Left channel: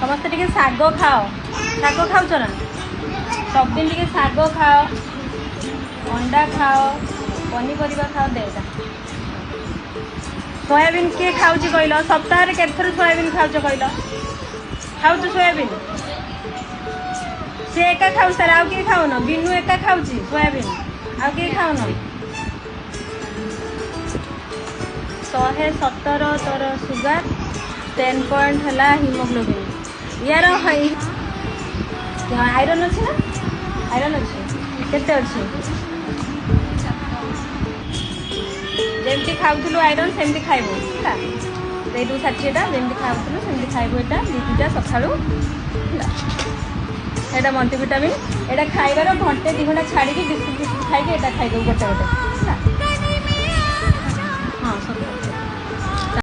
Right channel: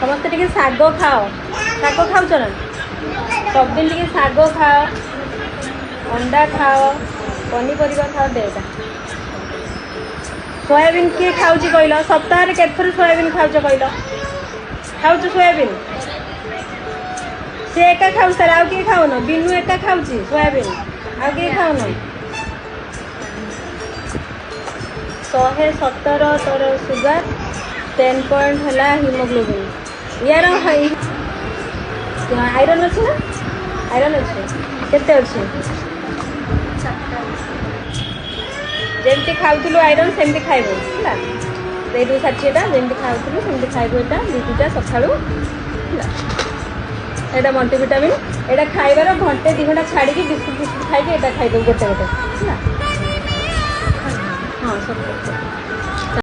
समस्त टिके शाग खाओ शाग खाऊच ना सबदिन टिके शाग खाओ अंडा खाओ पनीपरिया खाओ देगा सोयाबीन किए खाऊँ कहल सप्ताह केथर सोयाबीन खाऊच कहल खाऊच सोयाबीन सी एका खाऊ सार आउ किए खाऊन बिनु एका खाऊँ सोयाबीन आउ किए खाऊन 117 तोर सुगर 10 पॉइंट है हिमोग्लोबिन यार आयरन अच्छे ना आयरन अच्छे केते अच्छे जमती खाऊलु आयरन सेमती खाइब है 60टा जमती खाऊलु सेमती खाइब यहाँ दुटा सका यहाँ मल्टीविटामिन यहाँ खाइबार घंटे 2 घंटा छाड़ी बिस्कुट बिस्कुट खाई खाइदे गोटे गोटे हाँ सब